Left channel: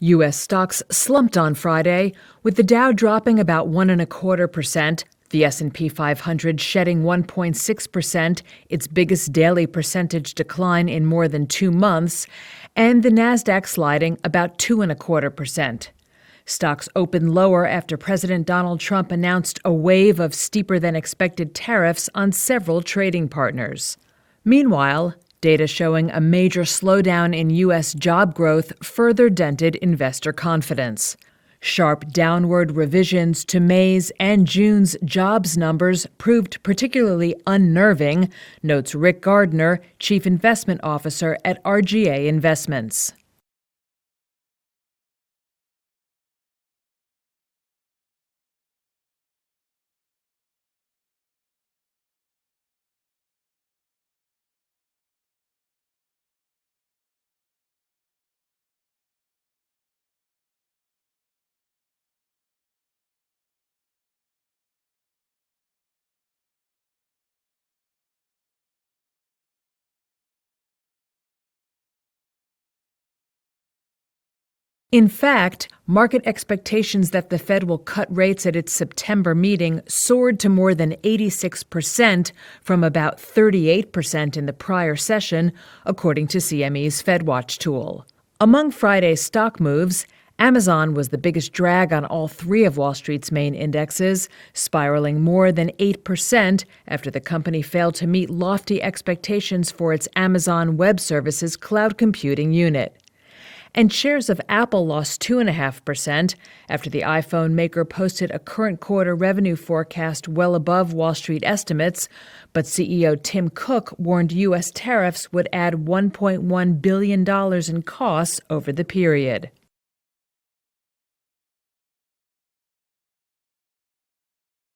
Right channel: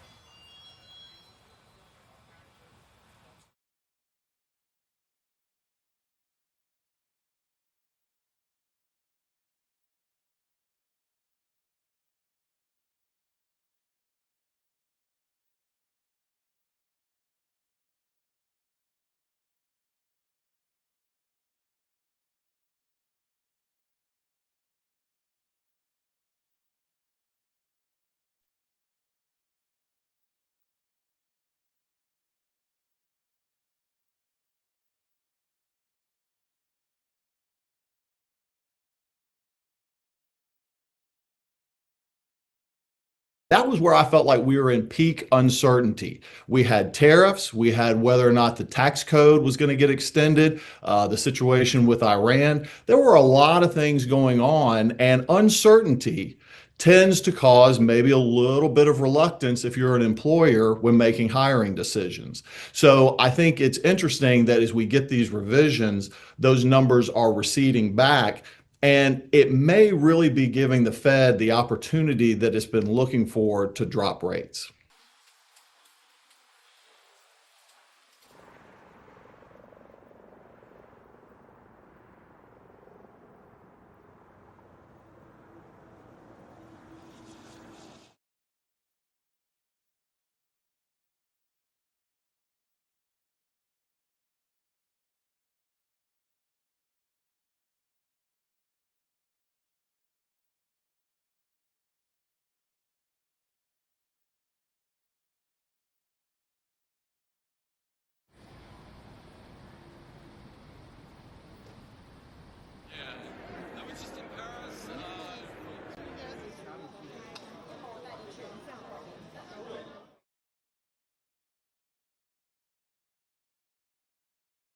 U.S. stocks slumped on Friday, with the Dow dropping about 1.25%, the S&P 500 shedding 1.6%, its biggest daily percentage decline in more than 2 months, and the Nasdaq sliding about 2.25%. Stocks opened lower after President Donald Trump announced a wave of steeper-than-expected tariffs on several trading partners. Meanwhile, data showing a major slowdown in U.S. job growth further dented investor confidence. Sharp downward revisions to May's and June's jobs numbers proved particularly unnerving, notes Rick Gardner, Chief Investment Officer at RGA Investments. That was where I felt like we were in peak uncertainty. We had tariffs, we had whether or not the tax code was going to get extended, the situation with Iran. There were a lot of things going on, and uncertainty tends to cause maybe a little bit of reluctance if you're an employer when making hiring decisions. So I think it's interesting that as we get these revisions, those numbers are receding back. And it may really be giving the Fed the opportunity that it's been looking for to drop rates. In fact, market expectations that the Fed will cut rates at its September meeting soared to more than 86% from about 38% in the prior session, according to CME's FedWatch tool. Among Friday's stock moves, Amazon was the biggest drag on all three of Wall Street's main indexes, spiraling more than 8% after the company failed to meet lofty expectations for its Amazon Web Services cloud computing unit. And shares of Apple lost 2.5% after the iPhone maker posted a current quarter revenue forecast well above Wall Street estimates, but CEO Tim Cook warned U.S. tariffs would add $1.1 billion in costs over the period.